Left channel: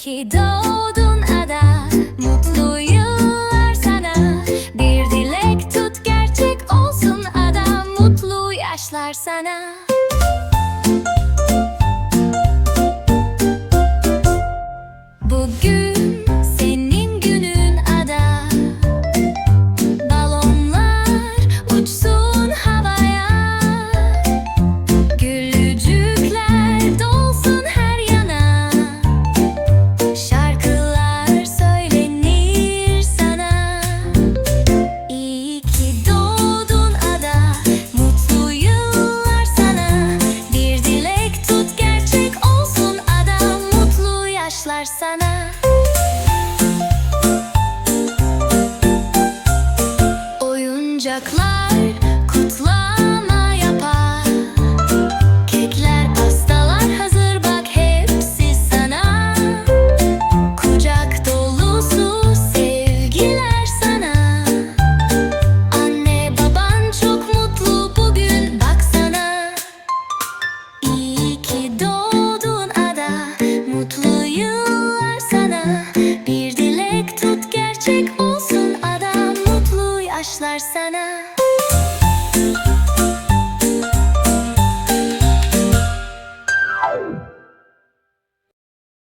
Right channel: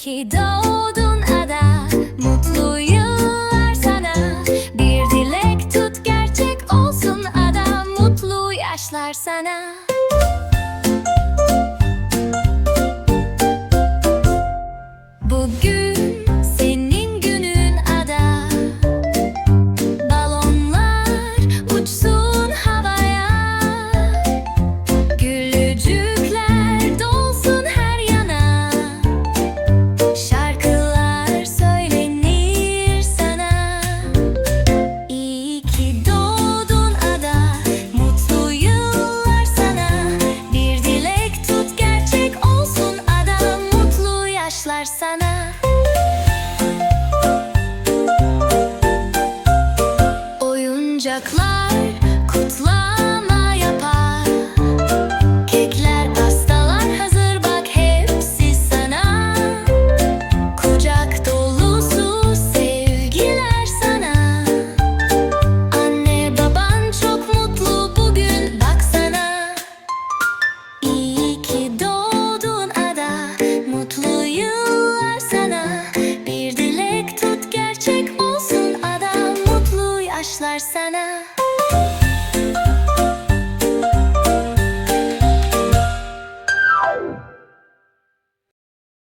ki doğdun ada Mutlu yıllar sana. Bir dilek tut gerçek olsun ada Mutlu yaşlar sana. başlar sana. Oyuncaklar, kutlar. Gerçek olsun adam mutlu yaşlar sana.